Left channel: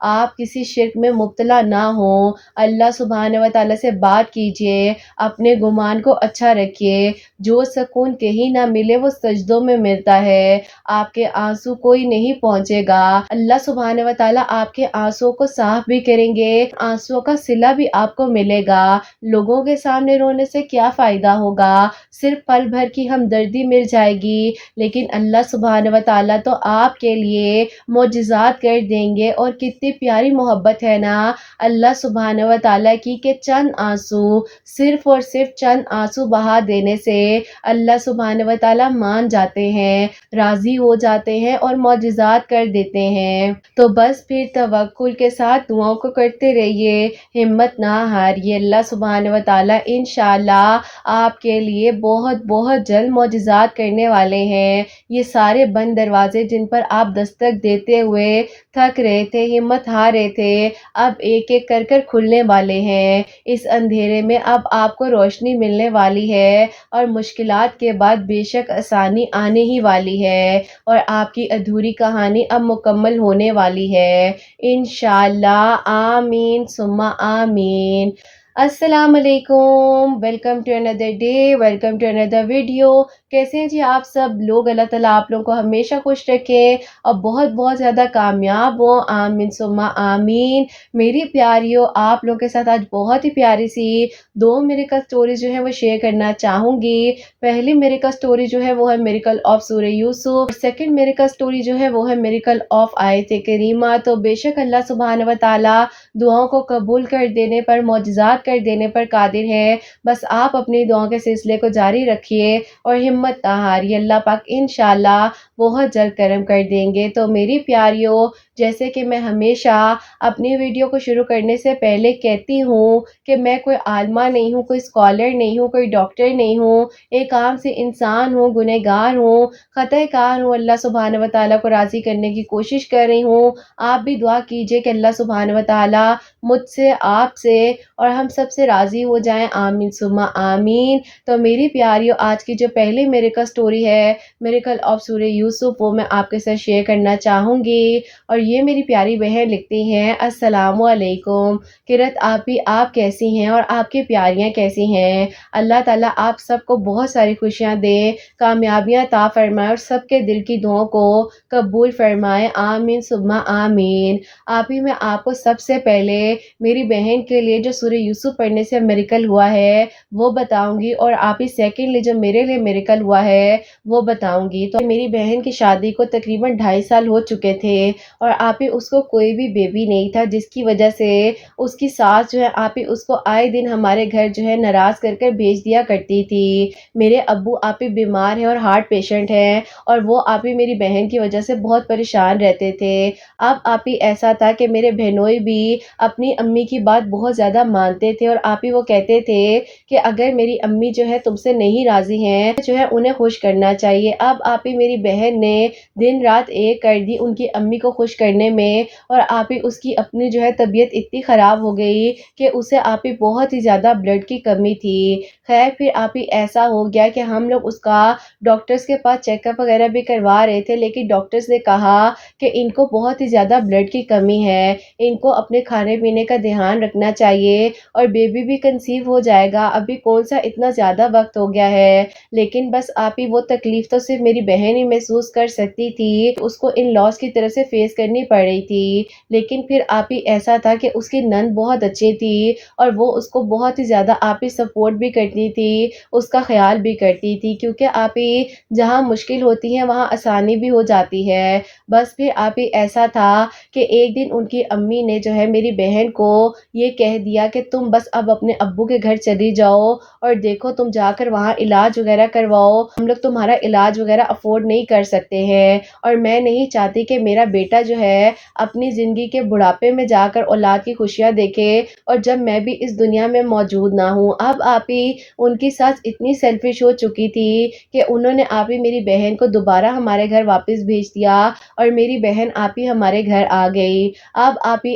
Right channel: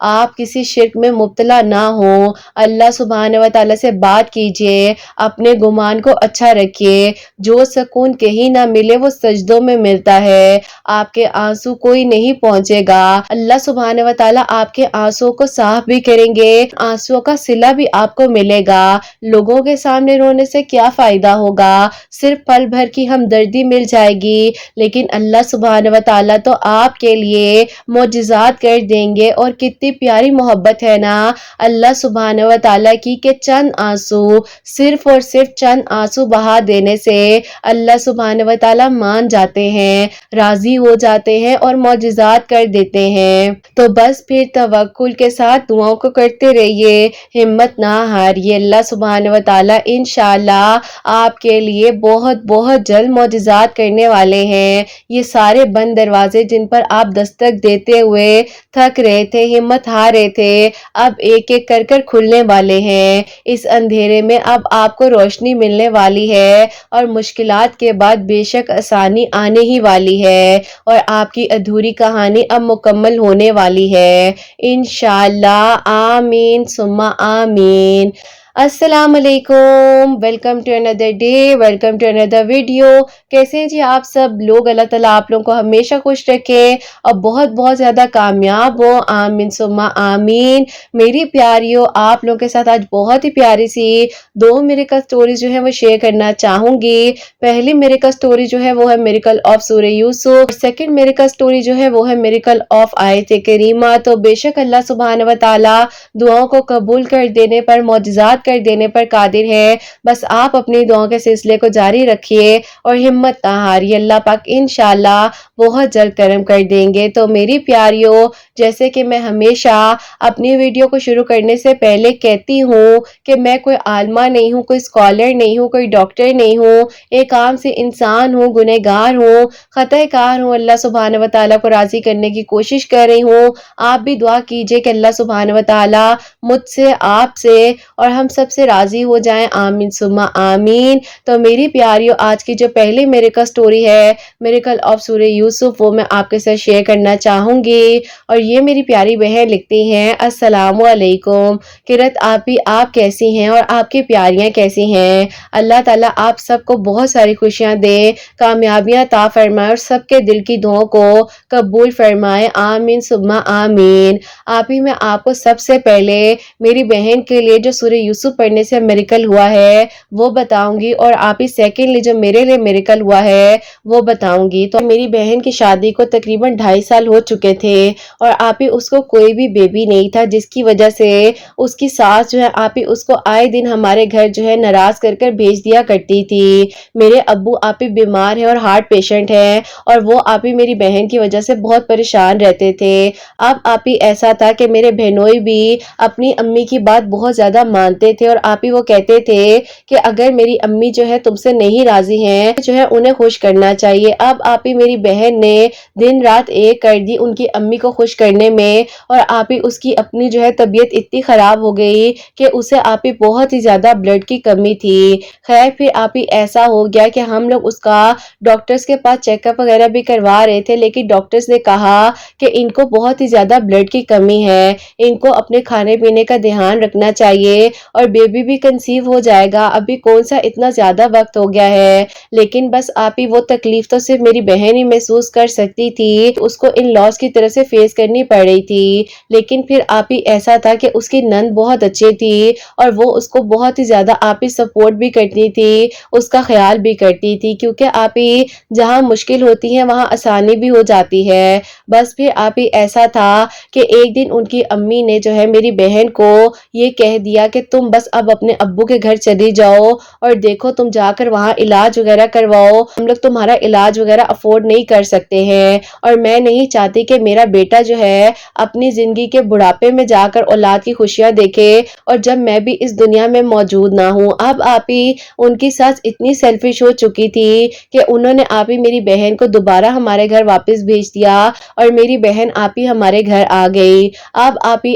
آپ کسی شرک میں مبتلا نہ ہو. اللہ سبحانہ و تعالیٰ سے بات کیجئے، اپنے گمان کو اچھا رکھیے. جو سکون کہیں نہ ملے وہ سجدوں میں ملتا ہے. آپ کے آنسو کوئی نہیں پہنچے گا. اللہ سبحانہ و تعالیٰ آپ کے آنسو کو صاف بھی کریں گے، آنسو کا صلہ بھی آپ کو ملے گا. لوگوں کے سامنے رونے سے کیا فائدہ ہوگا؟ صرف پل بھر کی ہمدردی مل جائے گی، لیکن اللہ سبحانہ و تعالیٰ تو آپ کے لیے معجزات کر دیں گے. اور کتنی پیاری محبت ہے نا اللہ سبحانہ و تعالیٰ کی کہ چند آنسو، صرف اور صرف چند آنسو بہا دینے سے اللہ سبحانہ و تعالیٰ مان جاتے ہیں، راضی ہو جاتے ہیں اور معجزات کر دیتے ہیں. تو بس پھر توکل کے ساتھ دعاؤں کو کرتے رہیے، ہمت نہ ہاریے. اللہ سبحانہ و تعالیٰ انشاءاللہ آپ کے لیے بہت بہت جلد معجزات کرنے والے ہیں. یہ سارے بند دروازے جن پر آپ دستک دیتے ہوئے تھک رہے تھے، ہمت ہار رہے تھے، اب ایک ایک کر کر کھلنے والے ہیں. اس اندھیرے میں اب آپ کو روشنی ملنے والی ہے اور مشکلات کے بعد بے شک آسانی آنے ہی والی ہے اور آپ کی ادھوری کہانی اب مکمل ہونے والی ہے انشاءاللہ. آمین ثم آمین. السلام علیکم، ویلکم ٹو اندر ڈے، ویلکم ٹو اندر ویڈیو. کیسے ہیں جی آپ سب لوگ؟ اللہ تعالیٰ آپ لوگوں کو ہمیشہ خوش رکھے اور بہت بہت زیادہ کامیاب ہو. آمین ثم آمین. میری پیاریوں، آپ لوگوں کے ساتھ آج بہت ہی پیاری سی دو میریکل سٹوریز جو ہے وہ شیئر کرنا چاہوں گی. پہلی میریکل سٹوری جو ہے وہ ہے میریکل آف سورہ یوسف، سیکنڈ میریکل سٹوری جو ہے وہ ہے میریکل آف آیت کریمہ. تو بے شک اللہ سبحانہ و تعالیٰ دعاؤں کو قبول کر دینے پر، معجزات کر دینے پر قادر ہے. بس آپ اپنی دعاؤں کے سلسلے کو جاری رکھیے اور ہمت نہ ہاریے. اللہ پاک انشاءاللہ بہت جلد کرم کر دیں گے. تو میری پیاریوں، جیسے کہ میں ہمیشہ اپنی ویڈیو کو شروع کرنے سے پہلے کہتی ہوں کہ میں کوئی عالمہ نہیں ہوں، کوئی اسکالر نہیں ہوں، کوئی ڈاکٹر نہیں ہوں، ایک عام سی انسان ہوں، گنہگار ہوں، خطا کار ہوں. اللہ سبحانہ و تعالیٰ کو راضی کرنے کی کوشش کر رہی ہوں. آپ بھی دعا کیجئے کہ اللہ سبحانہ و تعالیٰ مجھ سے، آپ سے اور ہم سب سے راضی ہو جائیں. آمین ثم آمین. تو میری پیاریوں، آج کی جو پہلی میریکل سٹوری ہے میریکل آف سورہ یوسف، وہ میں آپ کے ساتھ شیئر کرنا چاہوں گی. اور یہ میری پیاری بہن لکھتی ہیں، السلام علیکم قرت آپی، آپ کیسی ہیں اور آپ کی پیاریاں کیسی ہیں؟ اللہ تعالیٰ آپ سب کو بہت ساری خوشیاں دے، کامیابیاں عطا فرمائے اور سب کے دل کی دعاؤں کو قبول فرمائے. آمین ثم آمین. آپی، میں آپ کو سب سے پہلے میری بہن کے لیے جو سورہ یوسف پڑھنے سے میریکل ہوا ہے وہ بتاؤں گی، اور آپی سیکنڈلی جو میرے لیے میریکل ہوا ہے وہ بتاؤں گی. تو میری بہن کی شادی کو تقریباً 2.5 سال ہو چکے تھے اور آپی اس کو کوئی بھی بیبی نہیں تھا، جس کی وجہ سے اس کی ساس جو ہے آپی اس کو آئے دن ہمارے گھر جو ہے ناراض کر کر بھیج دیا کرتی تھی. میرے ابو آپی بیمار ہیں اور ہارٹ پیشنٹ ہیں اور وہ آپی میری بہن کی وجہ سے بہت پریشان رہتے تھے. اب آپی ایسا تھا کہ میرے بہنوئی بھی اپنی امی کی بات بہت زیادہ مانتے تھے اور آپی وہ کہتے تھے کہ اگر میری امی جو ہے تم سے نہیں راضی ہیں جو ہے انہیں خوش کرنا چاہیے. اب آپی میری بہن نے دن رات ایک کر دی ان کی امی کو خوش کرنے میں، اور آپی اس کی اپنی جو ہے طبیعت اتنی خراب ہو گئی کہ اسے آپی بہت ہی زیادہ بلڈ کی کمی تھی. خیر پھر آپی ایسا ہو گیا کہ ہم لوگ اس کا ڈاکٹرز کے پاس چیک اپ وغیرہ بھی کروا رہے تھے، لیکن ڈاکٹرز نے کہا کہ ان کو بہت ہی زیادہ بلڈ کی کمی ہے، ان کو اپنے کھانے پینے کا دھیان رکھنا چاہیے اور بیبی بھی کنسیو ہو جائے گا. ابھی کون سا اتنا زیادہ وقت ہو گیا ہے. لیکن بس آپی وہ تکلیف تو صرف میری بہن ہی محسوس کر سکتی تھی، اس کو ان لاس کی طرف سے فیس کرنی پڑ رہی تھی. لیکن پھر آپی ایسا تھا کہ اس کی نند بہت اچھی تھی اور وہ اس کو بہت ہی زیادہ آپی سپورٹ بھی کرتی تھی، اس کا خیال بھی کرتی تھی، کیونکہ آپی جہاں مشکل ہوتی ہے وہاں آسانی بھی ہو جاتی ہے. بس پھر آپی ایسا تھا کہ ایک دن ان کی امی نے جو ہے میری بہن کو یہ کہہ دیا کہ تم بس اب اپنے ابو کے گھر چلی جاؤ اور دیکھو تم جا کر وہاں علاج وغیرہ کرواؤ، ہم لوگ تمہارا علاج وغیرہ افورڈ نہیں کر سکتے ہیں اور میں نہیں چاہتی کہ میرا بیٹا جو ہے اپنی زندگی کے بڑھاپے میں جا کر اولاد کی خوشیاں دیکھے اور جب میں بھی اس دنیا میں موجود نہ ہوں. اب آپی ان کی ساس اتنی سیلفش ہو چکی تھی کہ انہوں نے آپی میری بہن کو دوبارہ ہمارے گھر واپس بھیج دیا اور میری بہن آپی ہمارے گھر آ گئی. اب آپی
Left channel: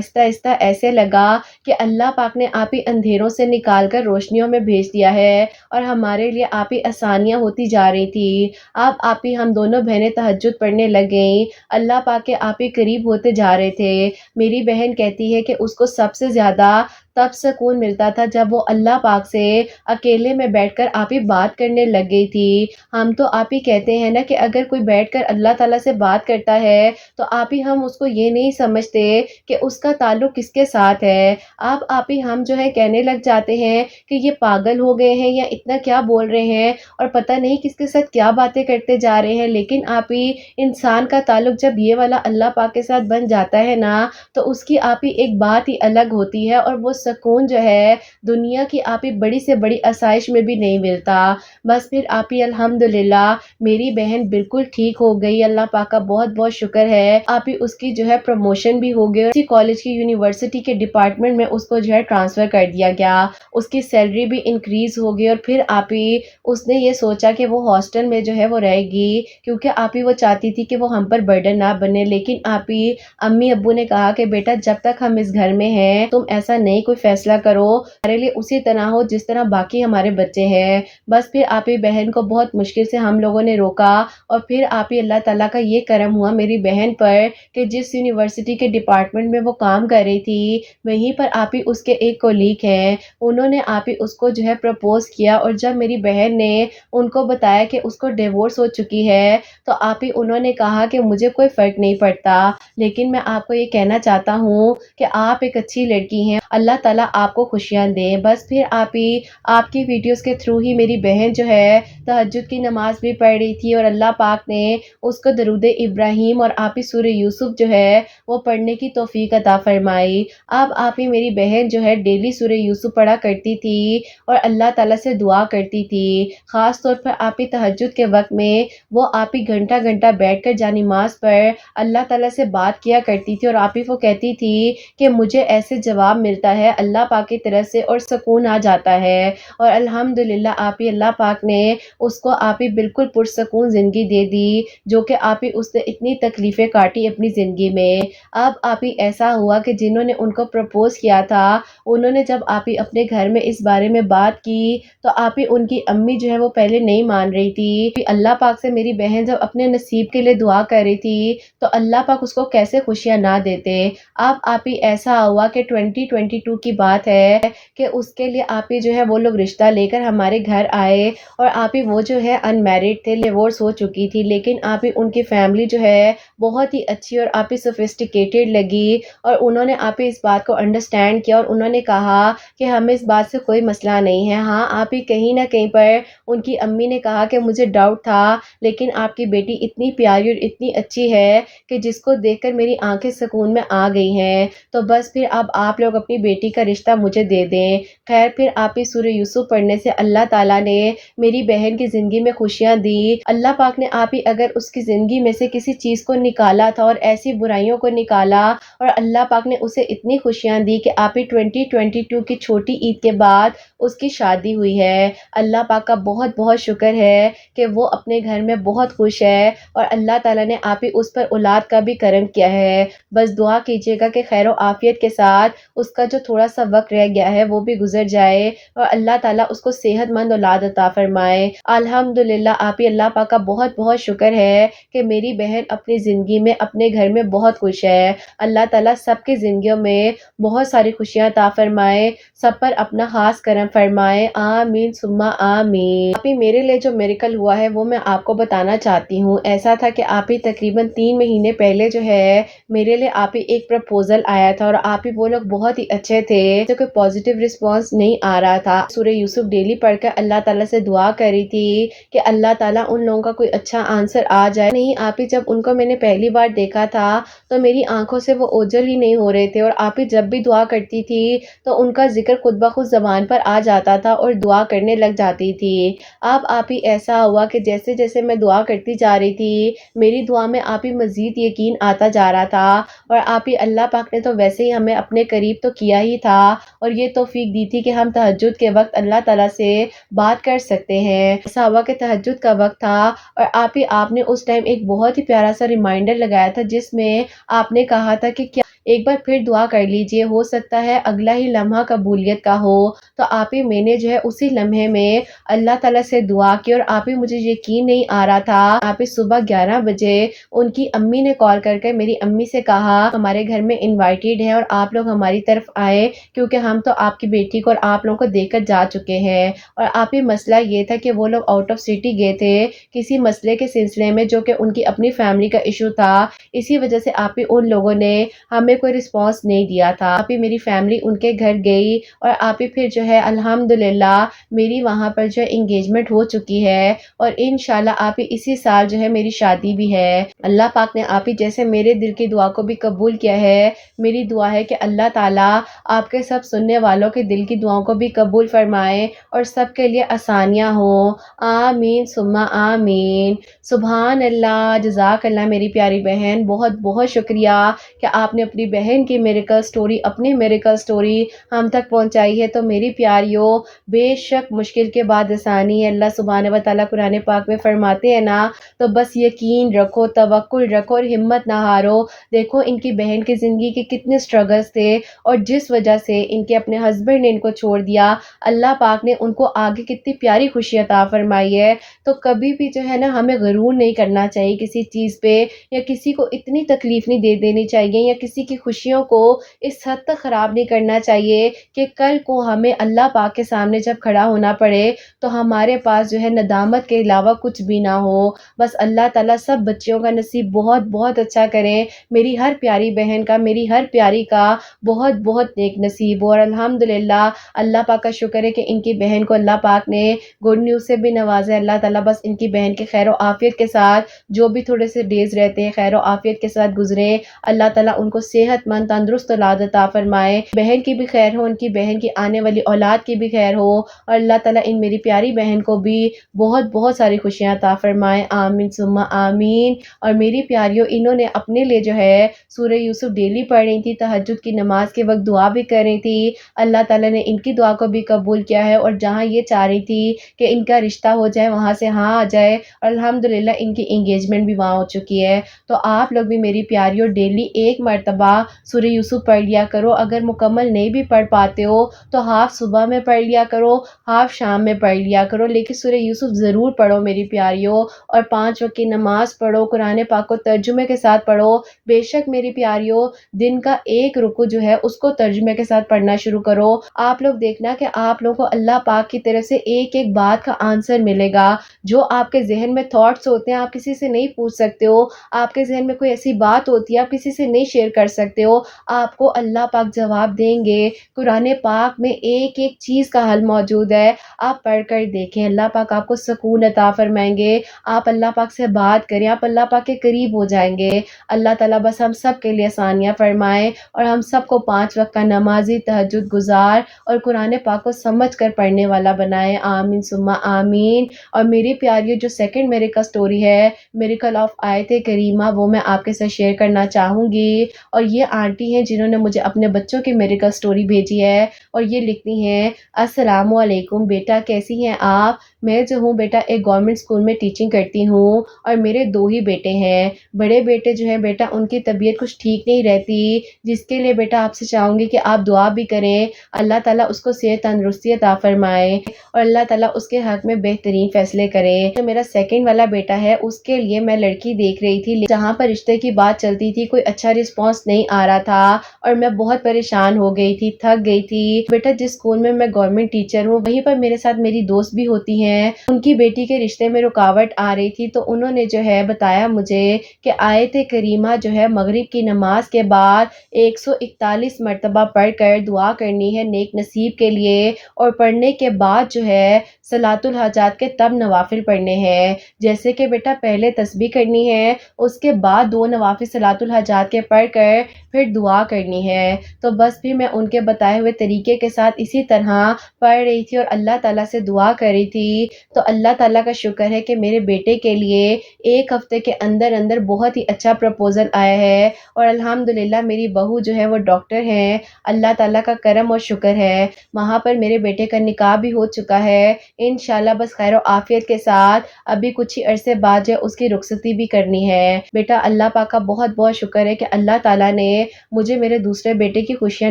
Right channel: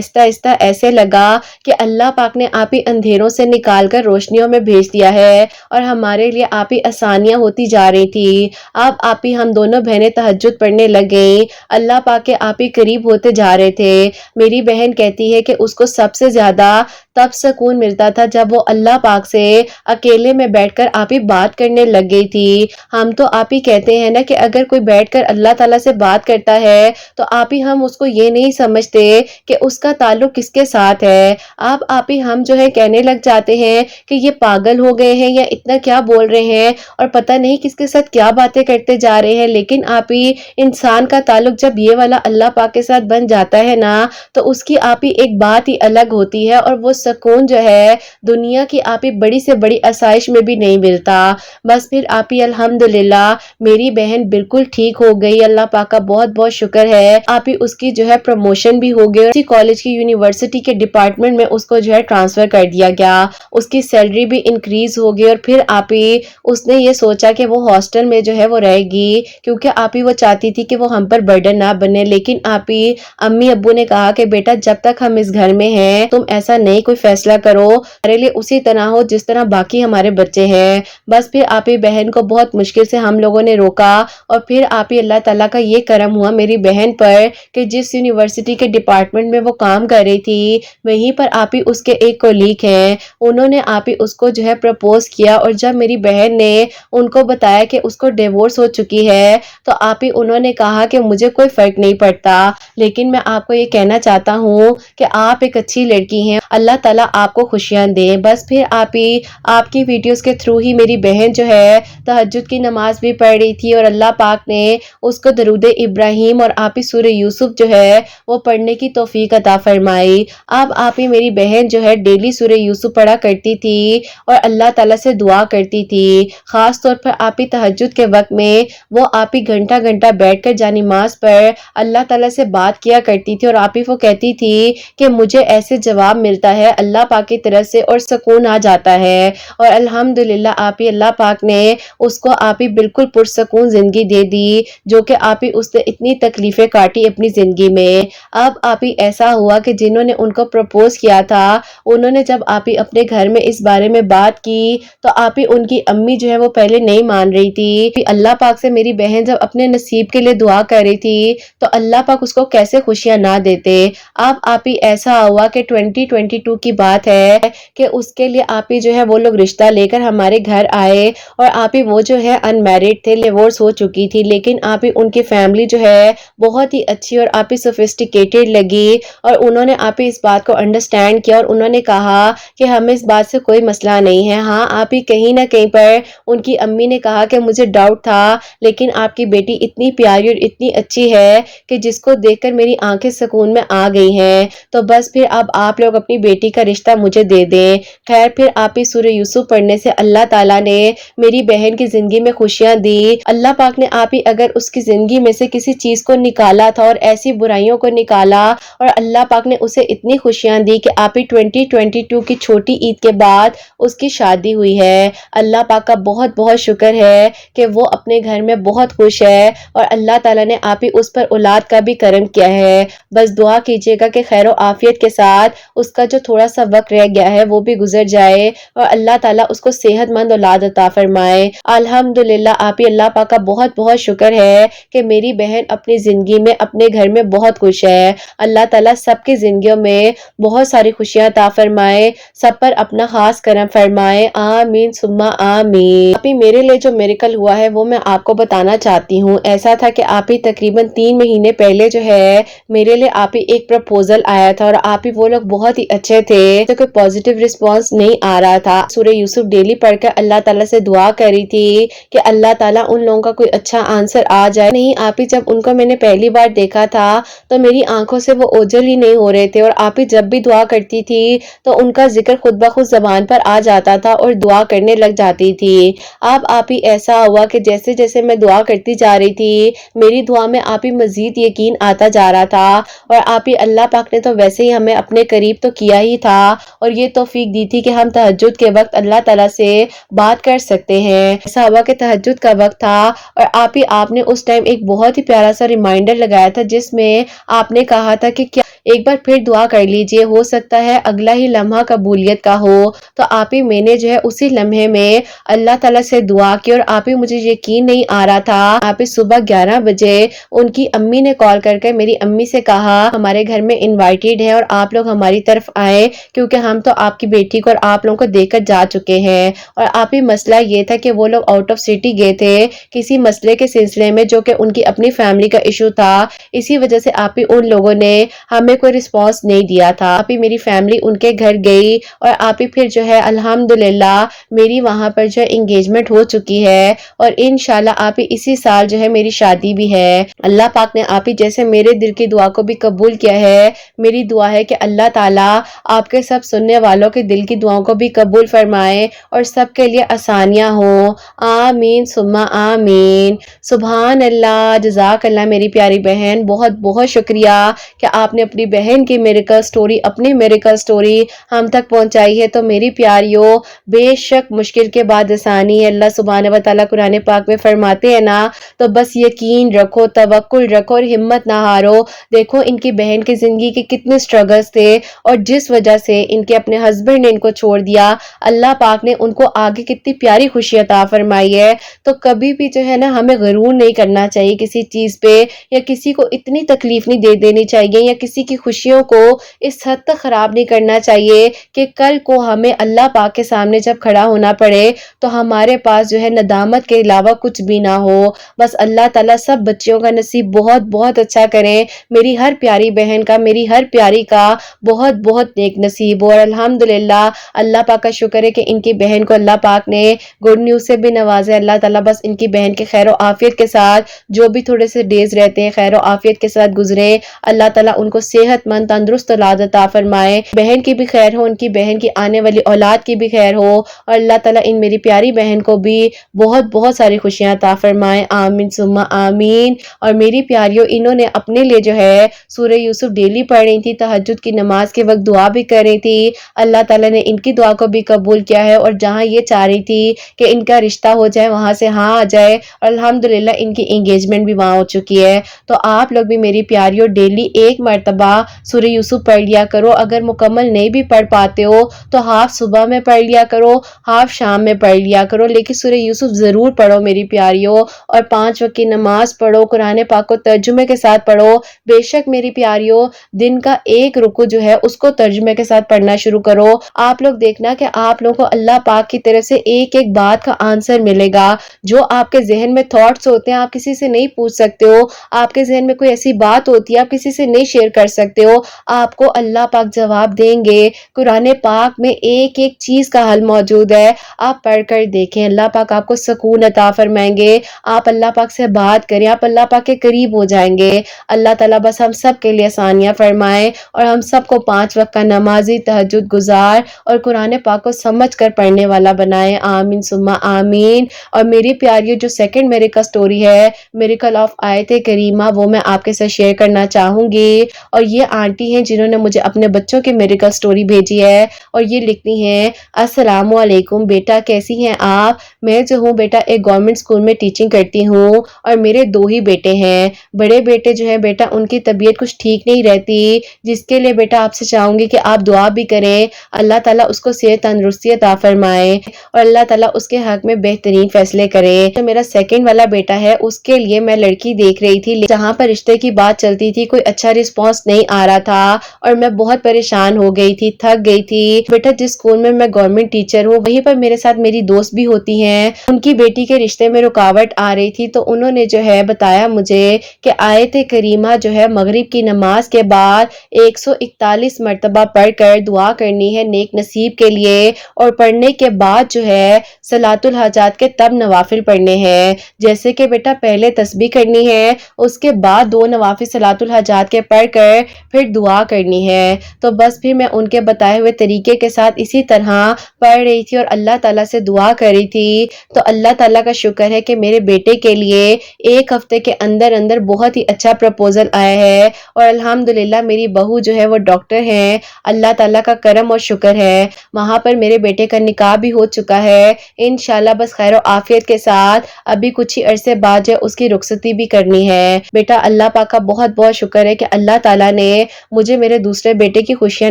آہستہ آہستہ ایسے لگا کہ اللہ پاک نے آپ ہی اندھیروں سے نکال کر روشنیوں میں بھیج دیا ہے اور ہمارے لیے آپ ہی آسانیاں ہوتی جا رہی تھی۔ اب آپ ہی ہم دونوں بہنیں تہجد پڑھنے لگ گئیں، اللہ پاک کے آپ ہی قریب ہوتے جا رہے تھے۔ میری بہن کہتی ہے کہ اس کو سب سے زیادہ تب سکون ملتا تھا جب وہ اللہ پاک سے اکیلے میں بیٹھ کر آپ ہی بات کرنے لگ گئی تھی۔ ہم تو آپ ہی کہتے ہیں نا کہ اگر کوئی بیٹھ کر اللہ تعالیٰ سے بات کرتا ہے تو آپ ہی ہم اس کو یہ نہیں سمجھتے کہ اس کا تعلق کس کے ساتھ ہے۔ اب آپ ہی ہم جو ہے کہنے لگ جاتے ہیں کہ یہ پاگل ہو گئے ہیں یا اتنا کیا بول رہے ہیں اور پتہ نہیں کس کے ساتھ کیا باتیں کرتے جا رہے ہیں، لیکن آپ ہی انسان کا تعلق جب یہ والا اللہ پاک کے ساتھ بن جاتا ہے نا تو اس کی آپ ہی ایک بات ہی الگ ہوتی ہے اور وہ سکون جو ہے دنیا کی آپ ہی بڑی سے بڑی آسائش میں بھی نہیں ملتا۔ بس پھر آپ ہی الحمدللہ میری بہن بالکل ٹھیک ہو گئی، اللہ پاک کا بہت بہت شکر ہے۔ آپ ہی اس کی جو ہے پروموشن بھی ہو گئی، اسی کالج کی یونیورسٹی کے ڈپارٹمنٹ میں اس کو جو ہے ٹرانسفر کر دیا گیا، اس کی سیلری بھی انکریز ہو گئی اور پھر آپ ہی اس نے یہ سوچا کہ وہ ہاسٹل میں جو ہے وہ رہے گی کیونکہ آپ ہی وہ چاہتی تھی کہ وہ ہم پر برڈن نہ بنے، لیکن آپ ہی امی ابو نے کہا کہ بیٹا جب تک ہم اس گھر میں ہیں تم ایسا نہیں کوئی فیصلہ کرو، ہمارے لیے اسی طرح ہو جس طرح باقی ہمارے بچے ہیں۔ بس پھر آپ ہی بہن کو بہت مشکل سے ہم لوگوں نے روکا اور پھر آپ ہی اللہ تعالیٰ کا یہ کرم ہوا میری بہن پر کہ جس یونیورسٹی کے ڈپارٹمنٹ میں وہ کام کر رہی تھی وہیں پر آپ ہی اس کے ایک کولیگ ہیں، انہوں نے آپ ہی اس کو جو ہے پرپوز کیا اور جب میری بہن نے ان کو بتایا کہ اس کو ڈیورس ہو چکی ہے تو آپ ہی انہوں نے کہا کہ مجھے کوئی فرق نہیں پڑتا، لیکن میں آپ کو یہ کہنا چاہتا ہوں کہ آپ ایک اچھی لڑکی ہیں، اللہ تعالیٰ آپ کو خوشیاں دے۔ بس پھر آپ ہی آپ کی ویڈیوز کے تھرو ہی میری بہن جو ہے تہجد کی نماز بھی پڑھ رہی تھی اور اللہ پاک نے اس کو درود ابراہیم اور آپ ہی سورہ یوسف جو ہے وہ پڑھنے کی توفیق عطا فرمائی۔ اب آپ ہی میری بہن جو ہے ڈیلی سورہ یوسف پڑھا کرتی تھی اور اللہ تعالیٰ سے دعا کرتی تھی، خاص طور پر آپ ہی تہجد کے وقت میں وہ آپ ہی گھنٹہ گھنٹہ بیٹھ کر جانماز پر اللہ تعالیٰ سے بات کیا کرتی تھی اور آپ ہی وہ کہتی تھی کہ مجھے ایسے جواب ملتا ہے اللہ پاک کی طرف سے اور سکون آ جاتا ہے، اور الحمدللہ آپ ہی اللہ پاک نے اس کو آپ ہی بالکل پرسکون زندگی دے دی جو کہ آپ ہی اس نے اتنی تکلیفیں کاٹی اپنی زندگی میں۔ اب آپ ہی ایسا ہوا کہ جنہوں نے ان کو پرپوز کیا تھا انہوں نے جب آپ ہی اپنے گھر میں اس بارے میں بات کی تو آپ ہی ان کی امی جو ہے وہ پہلے نہیں مان رہی تھی، اللہ پاک سے میری بہن جب اپنے نصیب کے لیے دعا کر رہی تھی تو اللہ پاک اس کو کیسے خوشیاں نہ دیتے۔ اب آپ ہی ایسا ہوا کہ 2022 کی بات ہے کہ اس کے لیے آپ ہی جو ہے وہ لوگ رشتہ لے کر ہمارے گھر آئے اور آپ ہی وہ جو ہے ان میرڈ تھے، ڈیورس ہو چکی تھی، لیکن آپ ہی ان کی فیملی جو ہے بہت ہی اچھی اور آپ ہی سوفسٹیکیٹڈ لگی اور انہوں نے آپ ہی اس بات کو انڈرسٹینڈ کیا اور انہوں نے کہا کہ ہمیں اس بات سے کوئی مسئلہ نہیں ہے۔ ہاں آپ ہی کہیں نہ کہیں پر ان کی امی نے کہا کہ مجھے ڈاؤٹ تھا لیکن آپ کی بیٹی اتنی پیاری اور اتنی اچھی ہے کہ جس کو دیکھ کر میری آنکھیں سکون میں آ گئی ہیں، تو بس پھر اب آپ لوگ اپنی بیٹی کا رشتہ مجھے دے دیں۔ خیر پھر آپ ہی سورہ یوسف پڑھنے سے اللہ تعالیٰ نے میری بہن کی زندگی میں خوشیاں دی۔ اللہ پاک نے آپ ہی اگر اس کی زندگی میں سے کسی چیز کو نکالا تھا اور ایسی برائیوں کو نکالا اور اللہ پاک نے اسے اتنی خوشیاں دی کہ آپ ہی 2022 کی چھوٹی عید کے بعد اس کی شادی ہوئی ہے۔ اللہ پاک کا بہت بہت شکر ہے کہ وہ اپنے گھر میں بہت خوش ہے اور اللہ تعالیٰ نے آپ ہی اس پر اولاد کا بھی کرم کیا ہے۔ بس دعا کیجیے گا کہ خیر و عافیت کے ساتھ اس کا جو تھوڑا سا وقت رہ گیا ہے وہ بھی گزر جائے اور اللہ تعالیٰ اس کو صحت مند اولاد عطا فرمائے۔ الحمدللہ آپ ہی اللہ پاک کا بہت بہت شکر ہے کہ میری بہن اپنی زندگی میں اپنے گھر میں بہت خوش ہے۔ اللہ تعالیٰ سب کی زندگیوں میں بہت ساری خوشیاں عطا فرمائے، سب پر اپنا خاص کرم فرمائے، آمین ثم آمین۔ آپ ہی میرے لیے جو میریکل ہوا ہے وہ میں آپ کو بتانا چاہتی ہوں۔ ایسا تھا کہ آپ ہی تقریباً 3 مہینے پہلے جو ہے میرے لیے آپ ہی ایک پرپوزل آیا تھا اور آپ ہی وہ لوگ بہت ہی اچھے تھے تو کوئی پازیٹیو رسپانس نہیں آ رہا تھا۔ سورہ یوسف ڈیلی پڑھ کر اللہ تعالیٰ سے دعا کری تھی کہ اللہ تعالیٰ ان لوگوں کا کوئی اچھا آنسر آ جائے۔ نہیں آپ ہی جب ان کو میں نے پہلی بار دیکھا تھا تو میری آنکھوں سے وہ اوجھل ہی نہیں ہو رہے تھے اور آپ ہی جب بھی دعا کرتی تھی تو ان کا ذکر خود بخود زبان پر آ جاتا تھا اور دعا کرنے لگ جاتی تھی۔ اب آپ ہی ایسا ہوا کہ جیسے جیسے میں دعا کرتی جا رہی تھی میری دعا میں آپ ہی مزید یقین آتا جا رہا تھا اور آپ ہی اللہ پاک نے تو ویسے ہی ہمیں اپنے قریب تو کیا ہی تھا اور یہ توفیق دی تھی کہ ہم تہجد کے وقت اللہ تعالیٰ سے بات کر سکتے ہیں۔ ایسا ہوا کہ تہجد کا وقت تھا اور آپ نے اس ٹائم ایک بہت ہی پیارا سا ریمائنڈر لگایا تھا جس میں آپ نے کہا تھا کہ ایک بار پھر دعا کر لیجئے، ہو سکتا ہے اگلا ہی لمحہ قبولیت کا ہو۔ تو آپ ہی میں نے جو ہے اسی لمحے میں اللہ تعالیٰ سے دعا کی، اور آپ ہی مجھے یقین نہیں آ رہا تھا، آپ ہی صبح 11 بجے ان کی امی نے کال کر کے میری امی سے کہا ہمارے گھر میں انوائٹیڈ ہے اور آپ لوگ ہماری طرف آئے، کیونکہ ہم تو آپ کی بیٹی کو اور آپ لوگوں کو دیکھ کر جا چکے ہیں۔ اور آپ ہی مسئلہ یہ تھا کہ وہ لوگ آؤٹ آف سٹی گئے تھے کسی مسئلے کے سلسلے میں، جو کہ ان کی اپنی فیملی کا ایشو تھا، اسی وجہ سے آپ ہی ان لوگوں نے ہمیں کوئی رسپانس نہیں دیا تھا۔ آپ ہی میری فیملی ان کے گھر گئی، اور آپ ہی پھر جو ہے الحمدللہ میری وہاں پر جو انگیجمنٹ ہو چکی ہے، اور انشاءاللہ آپ ہی اسی سال جو ہے میری شادی بھی ہے۔ اللہ پاک نے آپ ہی جیسے میرے دل کی دعا کو بھی قبول کیا ہے، میری دعا ہے کہ اللہ تعالیٰ آپ کے سب سننے والوں کے دل کی دعاؤں کو بھی قبول فرمائے اور سب کے لیے آسانیاں ہوں، آمین ثم آمین۔ سبحان اللہ، جزاک اللہ میری پیاری بہن، بہت بہت شکریہ کہ آپ نے اپنی بہن کی میریکل سٹوری، اپنی میریکل سٹوری ہم تک پہنچائی ہے۔ تو میری پیاریوں، بے شک مشکل کے بعد آسانی ہے، اللہ سبحانہ و تعالیٰ قرآن پاک میں فرماتے ہیں نا، تو بس یقین رکھو، توکل رکھو اور ہمت نہ ہارو۔ دیکھو ان کی بہن کی زندگی کے کتنے سٹرگلز تھے، اور جس وجہ سے ان کے اپنے ہسبینڈ نے ان کو چھوڑ دیا، اللہ پاک نے ان کو آگے کتنی پیاری خوشی عطا فرمائی ہے۔ تو کبھی بھی جو ہے نا ہمیں غرور نہیں کرنا چاہیے کسی چیز پہ، یا کسی کو اتنی تکلیف نہیں دے دینی چاہیے، یا کسی کی خوشیوں کو اس حد تک خراب نہیں کرنا چاہیے کہ کل کو ہمیں اللہ پاک کے سامنے جب کھڑا ہونا پڑے تو ہمارے پاس جو ہے ندامت کے علاوہ کچھ بھی نہ ہو۔ بس اللہ تعالیٰ سب بچیوں کا نصیب بہت بہت اچھا کرے، میری ہر پیاری بہن کا، میری ہر پیاری کا بہت بہت نیک نصیب ہو۔ اور الحمدللہ اللہ پاک کا شکر ہے کہ ان کی بہن کو اللہ پاک نے گڈ نیوز سے بھی نوازے۔ اللہ تعالیٰ بس ان کی بہن کے خیر و عافیت کے ساتھ جو بھی تھوڑے سے ڈیز رہتے ہیں خیر و عافیت کے ساتھ گزرے، اللہ تعالیٰ ان کو صحت مند تندرست اولاد عطا فرمائے، بہن کی بھی خیر ہو، ان کی بہن کی آنے والی اولاد کی بھی خیر ہو، اور اللہ تعالیٰ ان میری پیاری بہن کو بھی بہت بہت ساری خوشیاں عطا فرمائے، آمین ثم آمین۔ اور میری پیاریوں، انہوں نے اپنے لیے جو ہے سورہ یوسف ڈیلی پڑھ رہی تھی، تہجد کی نماز کے وقت دعا بھی کر رہی تھی، اللہ تعالیٰ نے ان کی دعا کو بھی قبول کیا ہے، اور جہاں یہ چاہ رہی تھی کہ ان کا رشتہ ہو جائے وہاں سے ہاں آ جائے، اور الحمدللہ ان کی انگیجمنٹ بھی وہاں ہو چکی ہے۔ تو آپ لوگ بھی میری پیاریوں ڈیلی ایک مرتبہ سورہ یوسف پڑھ لیا کرو، اگر مکمل نہیں بھی پڑھ پاتے ہو تو ہاف صبح میں پڑھ لیا کرو، ہاف شام میں پڑھ لیا کرو، لیکن سورہ یوسف ضرور پڑھو میری پیاریوں، اور 5 وقت کی نماز پڑھو، قرآن پاک کو ترجمے کے ساتھ پڑھو۔ بے شک میری پیاریوں، دن کا ایک رکوع جو ہے اس کو ترجمے کے ساتھ پڑھنا شروع کرو۔ آپ لوگ دیکھنا کہ آپ لوگوں کو اللہ پاک کی طرف سے ایک ایک بات کا آنسر ملے گا، جو آپ کے ذہن میں تھاٹس ہوتے ہیں آپ کسی سے نہیں پوچھ سکتے ہو، آپ کے ذہن میں کوئی ایسی بات ہوتی ہے آپ کسی سے نہیں شیئر کر سکتے ہو، آپ کو اللہ پاک جواب دیں گے۔ قرآن پاک میں ایک ایک چیز کا حل موجود ہے، آپ پڑھ کر دیکھیں، اللہ پاک آپ کو سکون عطا فرمائیں گے۔ آپ اللہ پاک سے بات کریں، آپ اللہ پاک کے قریب ہو جائیں گے۔ اللہ تعالیٰ بس ہم سب کے لیے آسانیاں فرمائے، اور ہم سب کو 5 وقت کا نمازی، تہجد گزار اور قرآن پاک کو سمجھ کر پڑھنے والا بنائے، آمین ثم آمین۔ اور میری پیاریوں، جو سیکنڈ میریکل سٹوری ہے، میریکل آف آیت کریمہ، وہ میں آپ کے ساتھ شیئر کرنا چاہوں گی۔ اور یہ آنٹی ہیں جنہوں نے مجھے اپنے بچوں کی میریکل سٹوری بھیجی ہے، اور یہ لکھتی ہیں، السلام علیکم بیٹا، کیسی ہیں آپ؟ میں جو ہوں بیٹا ایک گورنمنٹ اسکول میں ٹیچنگ کرتی ہوں، اور میرے 2 ہی بیٹے ہیں۔ بڑے بیٹے جو ہیں بیٹا ان کی طبیعت کچھ ٹھیک نہیں رہتی، جس کے لیے بیٹا آپ سے چاہوں گی کہ آپ دعا بھی کریں، اللہ تعالیٰ اس کو صحت تندرستی عطا فرمائے، اور اللہ تعالیٰ اس کے حق میں بہترین فیصلے کرے۔ تو میرا سیکنڈ والا بیٹا ہے، اس کے لیے میں لڑکی دیکھ رہی تھی، جہاں پر رشتے کی بات چلتی تھی کوئی اچھا رسپانس نہیں آ رہا تھا، اور میں بہت پریشان ہو گئی تھی، تھک گئی تھی۔ بیٹا جس اسکول میں گورنمنٹ ٹیچر ہوں وہیں پر میرے ساتھ میری دوست بھی ہوتی ہیں، ان کی بیٹی کے رشتے میں رکاوٹ آ رہی تھی، تو انہوں نے جو ہے بتایا مجھے کہ آیت کریمہ جو ہے مغرب کی نماز کے بعد 141 مرتبہ پڑھ کر دعا کرنی ہے نیک نصیب کے لیے، اور پڑھنے کے بعد جو ہے صلاۃ الحاجات کے تب نوافل پڑھنے ہیں، جیسے کہ بیٹا پہلے تسبیح کرنی ہے، اس کے بعد 2 نوافل صلاۃ الحاجات کے پڑھ کر پھر دعا کرنی ہے۔ تو بس پھر میں ان کے بتائے ہوئے طریقے کے ساتھ اسی طرح پڑھ رہی تھی اور اللہ تعالیٰ سے دعا کر رہی تھی۔ تو اللہ تعالیٰ کا شکر ہے کہ میرے بیٹے کے لیے 1 ہفتے کے اندر اندر بہت ہی اچھا پرپوزل آیا ہے، اور الحمدللہ میری بہو جو ہے وہ ڈاکٹر ہیں، اللہ تعالیٰ کا کرم اور شکر ہے، وہاں پر میرے بیٹے کا نکاح بھی ہو چکا ہے، انشاءاللہ بس خیر و عافیت کے ساتھ ابھی کچھ ہی عرصے بعد جو اس کی رخصتی بھی کرنی ہے۔ بیٹا اللہ پاک کا بہت بہت شکر ہے کہ اللہ تعالیٰ تعالیٰ نے مجھے میرے دوسرے بیٹے کی خوشیاں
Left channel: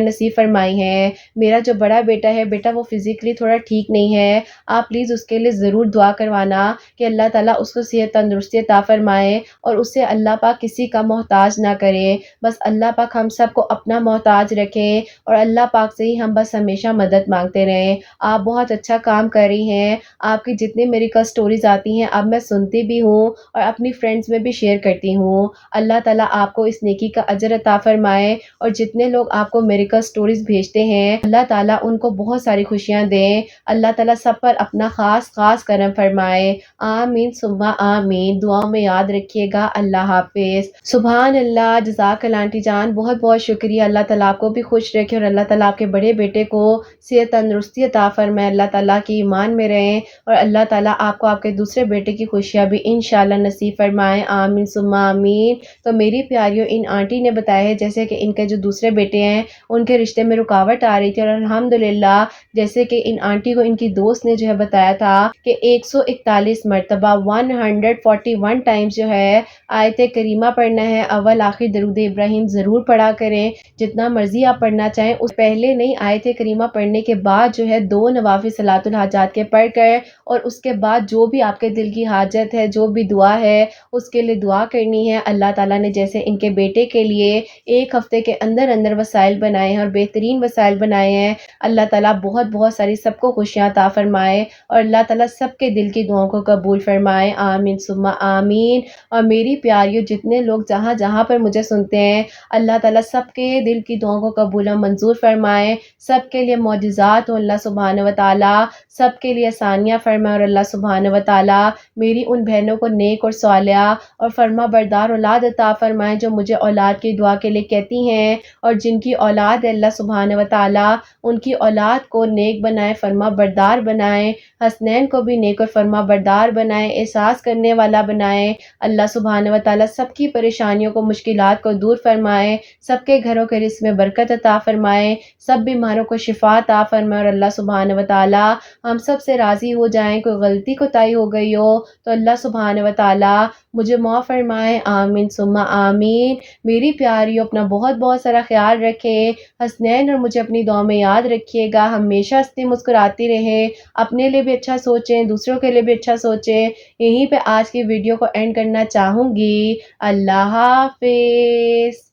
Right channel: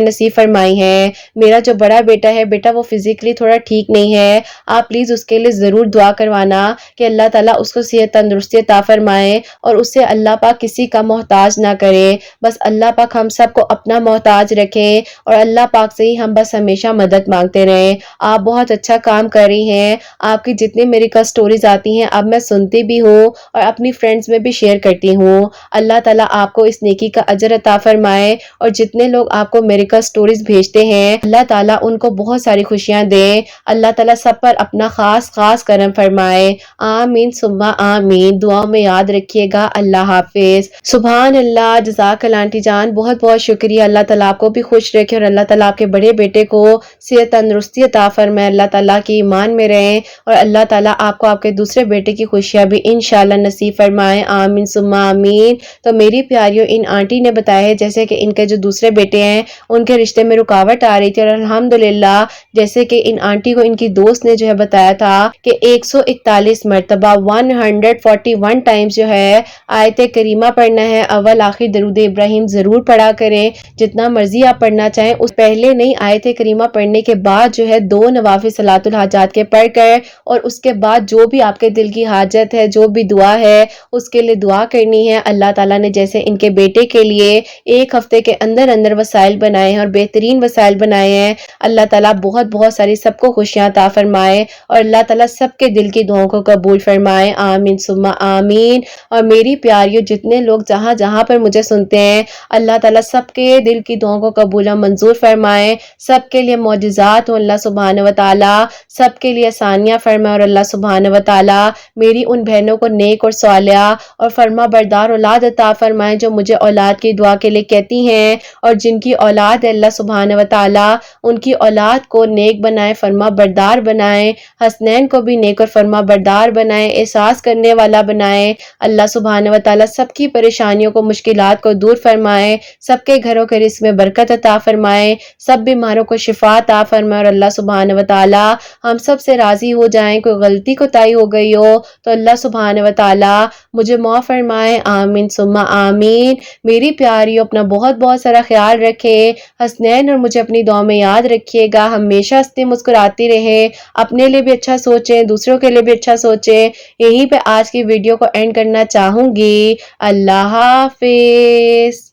نصیب فرمائی ہیں۔ میرا جو بڑا بیٹا ہے بیٹا وہ فزیکلی تھوڑا ٹھیک نہیں ہے، آپ پلیز اس کے لیے ضرور دعا کروانا کہ اللہ تعالیٰ اس کو صحت تندرستی عطا فرمائے اور اسے اللہ پاک کسی کا محتاج نہ کرے۔ بس اللہ پاک ہم سب کو اپنا محتاج رکھیں اور اللہ پاک سے ہی ہم بس ہمیشہ مدد مانگتے رہیں۔ آپ بہت اچھا کام کر رہی ہیں، آپ کی جتنے میریکل سٹوریز آتی ہیں اب میں سنتی بھی ہوں اور اپنی فرینڈز میں بھی شیئر کرتی ہوں۔ اللہ تعالیٰ آپ کو اس نیکی کا اجر عطا فرمائے اور جتنے لوگ آپ کو میریکل سٹوریز بھیجتے ہیں اللہ تعالیٰ ان کو بہت ساری خوشیاں دے، اللہ تعالیٰ سب پر اپنا خاص خاص کرم فرمائے۔ آمین ثم آمین۔ دعاؤں میں یاد رکھیے گا۔ اللہ حافظ۔ سبحان اللہ، جزاک اللہ آنٹی جان، بہت بہت شکریہ۔ اللہ تعالیٰ آپ کو بھی خوش رکھے اور اللہ تعالیٰ آپ کے بڑے بیٹے کو صحت تندرستی عطا فرمائے، اللہ تعالیٰ کی ایمان میں رہیں اور اللہ تعالیٰ آپ کو آپ کے دوسرے بیٹے کی خوشیاں بھی انشاءاللہ نصیب فرمائے۔ آمین ثم آمین۔ تو میری پیاریوں، ان آنٹی نے بتایا ہے جیسے کہ ان کے جو دوسرے بیٹے ہیں ان کے رشتے میں رکاوٹ آ رہی تھی اور الحمدللہ جیسے کہ ان آنٹی کو ان کی دوست نے جو ہے بتایا تھا کہ 141 مرتبہ 141 ٹائمز جو ہے آیت کریمہ پڑھنا ہے، اول آخر درود ابراہیم ضرور پڑھا کریں، جتنا مرضی آپ پڑھنا چاہیں۔ اس پہلے نہیں، آیت کریمہ پڑھنے کے بعد جو ہے 2 نوافل صلاۃ الحاجات کے پڑھ کر اور اس کے بعد جو بھی آپ کے دل کی حاجت ہے، جو بھی دعا ہے اس کے لیے دعا کرنی ہے۔ اللہ تعالیٰ نے جیسے ان کے بیٹے کے لیے ایک ہفتے کے اندر اندر وسائل بنائے ہیں اور بہترین وسائل بنائے ہیں، اللہ تعالیٰ بہت بہت ساری سب کو خوشیاں عطا فرمائے اور اللہ تعالیٰ سب کے دل کی دعاؤں کو قبول فرمائے۔ آمین ثم آمین۔ اور میری پیاریوں، جتنے لوگ جہاں جہاں پر مجھے سنتے ہیں اللہ تعالیٰ سب کے دل کی دعاؤں کو قبول و منظور فرمائے، سب کے لیے معجزات ہوں اللہ سبحانہ و تعالیٰ، سب کے لیے آسانیاں فرمائے اور اللہ سبحانہ و تعالیٰ میری ان بہنوں کو نیک اور صالحہ اور فرما بردار اولاد عطا فرمائے جو مجھے اولاد کی دعا کے لیے کہتی ہیں، اور جن کی اولاد ہے اللہ سبحانہ و تعالیٰ ان کی اولاد کو نیک بنائے، فرما بردار بنائے، حسنین کو بھی نیک اور فرما بردار بنائے، احساس کرنے والا بنائے۔ اللہ سبحانہ و تعالیٰ سب کی پریشانیوں کو، مشکلات کو دور فرمائے، سب کے گھروں کے رزق میں برکت عطا فرمائے، سب بیماروں کو شفا عطا فرمائے اور اللہ سبحانہ و تعالیٰ ہم سب سے راضی ہو جائیں۔ کوئی غلطی کوتاہی ہو گئی ہو تو اللہ سبحانہ و تعالیٰ مجھے معاف فرمائے۔ آمین ثم آمین۔ میری پیاریوں، اپنا بہت بہت سارا خیال رکھے، حسنین اور مجھے اپنی دعا میں یاد رکھیے گا، ہمیشہ ہنستی مسکراتی رہے، اپنے لیے بھی اچھا سوچیں، دوسروں کے لیے بھی اچھا سوچیں۔ یہیں پہ آج کی ویڈیو کو اینڈ کرنا چاہوں گی۔ اللہ حافظ۔